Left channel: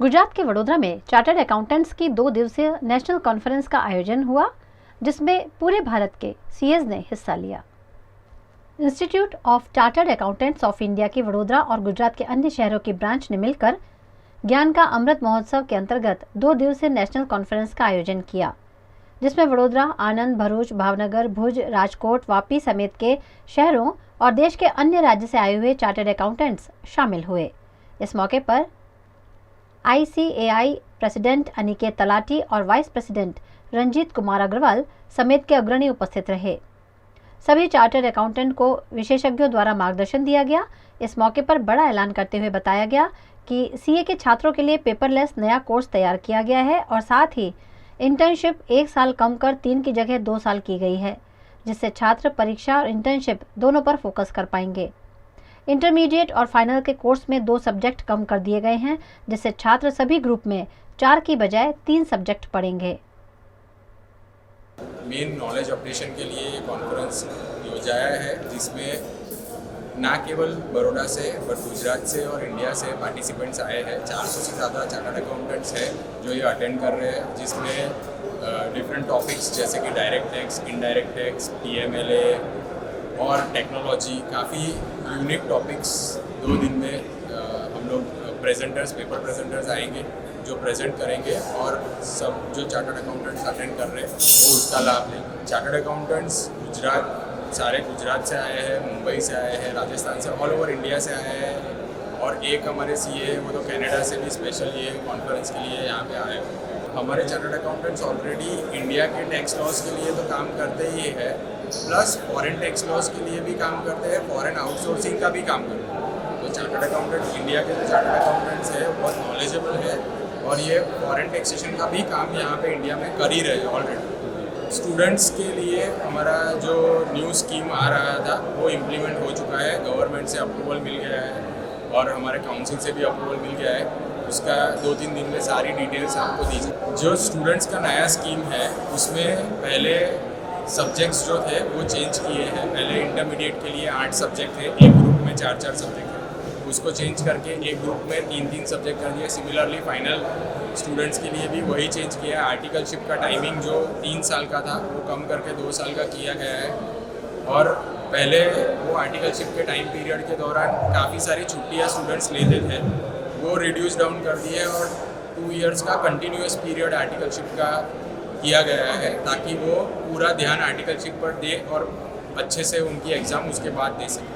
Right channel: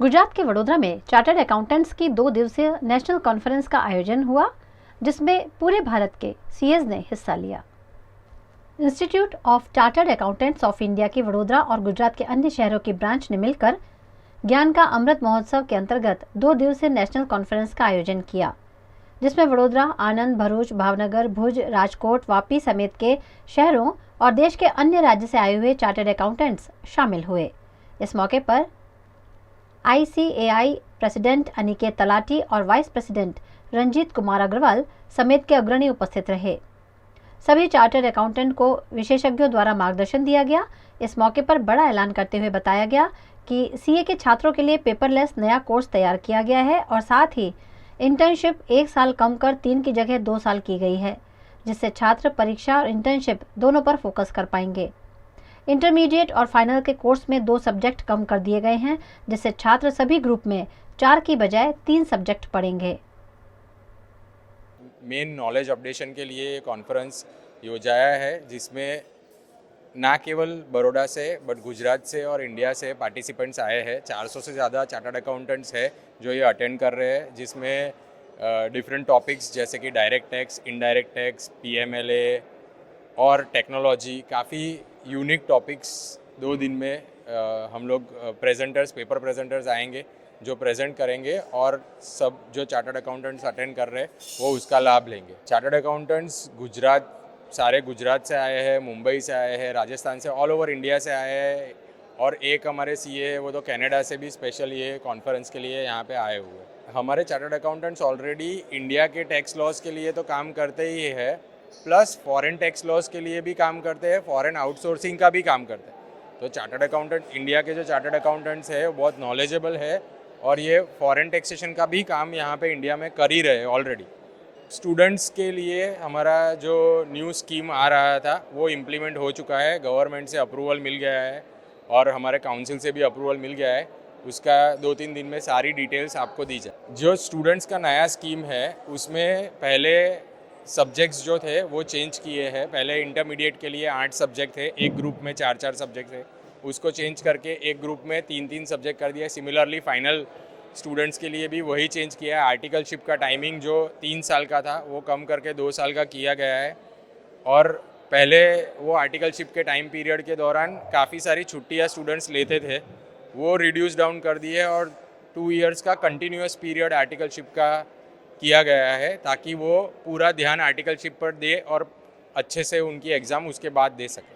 गुजरात के वडोदरा में chartered accountants की 2 दिवसीय नेशनल कॉन्फ्रेंस का आयोजन हुआ, जिसमें पूरे भारत के सीएज ने हिस्सा लिया। Institute of chartered accountants of India की वडोदरा और गुजरात के अन्य शहरों की ब्रांच ने मिलकर ज्ञान का अमृत महोत्सव के अंतर्गत 2 दिवसीय नेशनल कॉन्फ्रेंस का आयोजन किया, जिसमें वडोदरा, आनंद, भरूच, भावनगर, भुज, राजकोट, वापी समेत के शहरों और देश के अन्य राज्य से आए हुए चार्टर्ड अकाउंटेंट्स शामिल हुए। इस मौके पर ICAI प्रेसिडेंट अनिकेत तलाटी और वाइस प्रेसिडेंट रंजीत कुमार अग्रवाल समेत के अग्रणी उपस्थित रहे। सभी चार्टर्ड अकाउंटेंट को विशेषज्ञों द्वारा मार्गदर्शन दिया गया। इस मौके पर बड़ा ऐलान करते हुए बताया गया कि CA के छात्रों के लिए पेपरलेस नया कोर्स तैयार किया गया है और साथ ही इंटर्नशिप 1 साल कम कर 3 की जगह 2 साल की गई है, जिससे छात्र परीक्षा और इंटर्नशिप दोनों पर फोकस कर पाएंगे। इंटरमीडिएट और फाइनल के कोर्स में 2 सब्जेक्ट कम कर दिए गए हैं, जिससे छात्र सभी ग्रुप में 4 की बजाय 3 सब्जेक्ट पढ़ेंगे। मेन नॉलेज अपडेशन के लिए ये कॉन्फ्रेंस योजाया है, जिसमें ना केवल बड़ौदा से बट गुजरात से और इंडिया से पार्टिसिपेंट्स आए हैं। 400 से ज़्यादा चार्टर्ड अकाउंटेंट्स हैं जो ये अटेंड कर रहे हैं, जिसमें डिफरेंट टॉपिक्स जैसे कि direct tax, indirect tax, TMLA और टेक्नोलॉजी, काफ़ी यूनिक टॉपिक्स 2 दिन में हम लोग पेपर प्रेजेंटर्स आएंगे जो प्रेजेंट करेंगे और सब जो चार्टर्ड अकाउंटेंट्स अटेंड कर रहे हैं वो उसका लाभ लेंगे। चार्टर्ड अकाउंटेंट्स सारे गुजरात से आए हैं, मुंबई से आए हैं, राजस्थान से, ऑल ओवर इंडिया से आए हैं और एक हमारे CA वो तो कनाडा से भी स्पेशल ये कॉन्फ्रेंस के लिए यहाँ पे आए हुए। हमारे चार्टर्ड अकाउंटेंट्स ऑलरेडी इंडिया के टैक्स लॉस के लिए तो काम करते ही है, प्लस फॉरेन टैक्स लॉस के लिए भी काम करते हैं, फॉरेन आउटसोर्सिंग का भी काम करते हैं। तो चार्टर्ड अकाउंटेंट इंडिया के जो चार्टर्ड अकाउंटेंट्स है बहुत नॉलेजेबल है और ये फॉरेन टैक्सेशन का भी काम यहाँ पे इंडिया में कर ही रहे हैं ऑलरेडी। स्टूडेंट्स के लिए हमारा जो न्यू स्कीम आ रहा था वो इम्प्लीमेंट हो चुका है, गवर्नमेंट से अप्रूवल मिल गया है और हमारे काउंसिल से भी अप्रूवल मिल गया है। उसका 2-3 दिन में सारी डिटेल्स आपको दीजिए। जो स्टूडेंट्स का नया स्कीम है उसमें पहले सब्जेक्ट्स जो थे वो चेंज किए हैं। पहले इंटरमीडिएट के लिए 8 सब्जेक्ट थे, एक ग्रुप में 4-4 सब्जेक्ट थे, उसको चेंज करके एक ग्रुप में 3-3 सब्जेक्ट कर दिया। सिमिलरली फाइनल स्टूडेंट्स के लिए भी वही चेंज किया है। आर्टिकलशिप का टाइमिंग जो 3 साल का था वो कम करके 2 साल का किया गया है और पहले वो आर्टिकलशिप के टाइम पीरियड के दौरान काफ़ी सारी छुट्टियाँ स्टूडेंट्स लेते थे, वो रिड्यूस डाउन कर दिए और 2 इयर्स का कंटिन्यूस पीरियड आर्टिकलशिप का किया गया है, ताकि वो पूरा ध्यान आर्टिकलशिप पर दे और अच्छे से उनकी एग्ज़ाम उसके बाद दे सकें।